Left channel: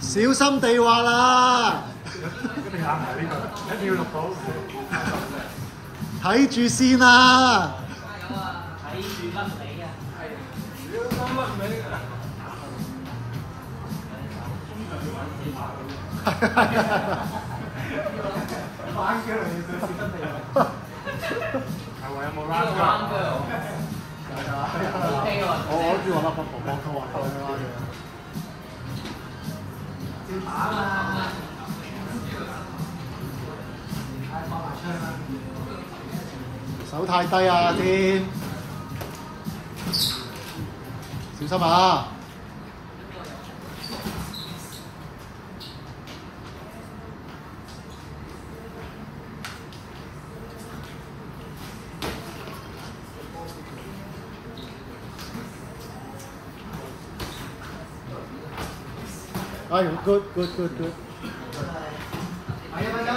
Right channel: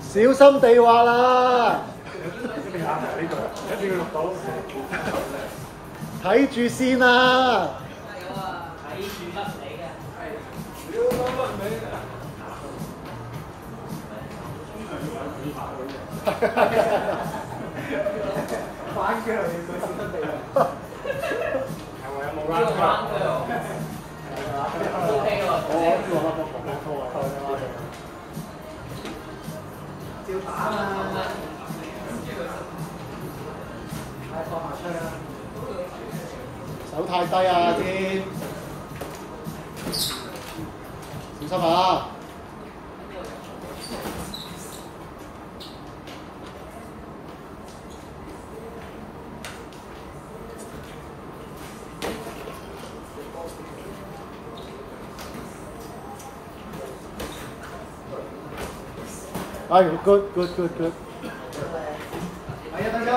小心地滑啦！一定行埋呢度，一定要錄到。睇住先啊！睇住甩尾啊！反腳嚟佢小心地。係咪有冇拉腳？我叫我婆拖啊，照打嘛。放埋槍啦！手太低啊，先小心啊！哎 ，good。係1分鐘。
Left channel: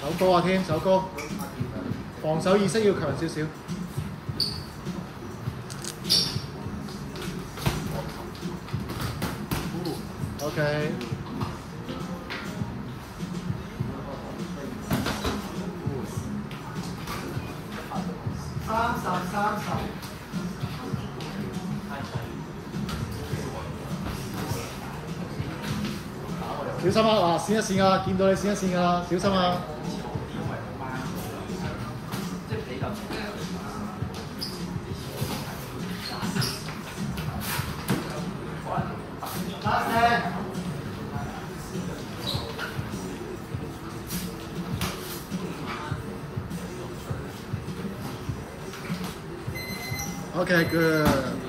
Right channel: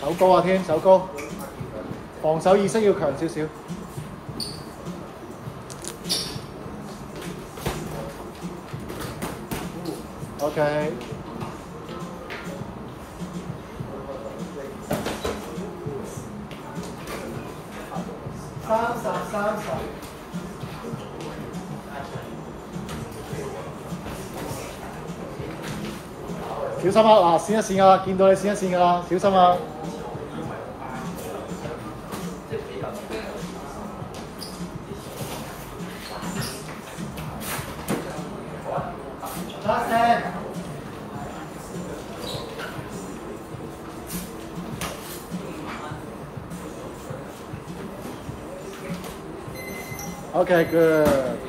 手高啊，添手高，防守意識要強少少。OK。30。小心啊！閃一閃啊！見到你閃一閃㗎啦，小心啊！Okay, good.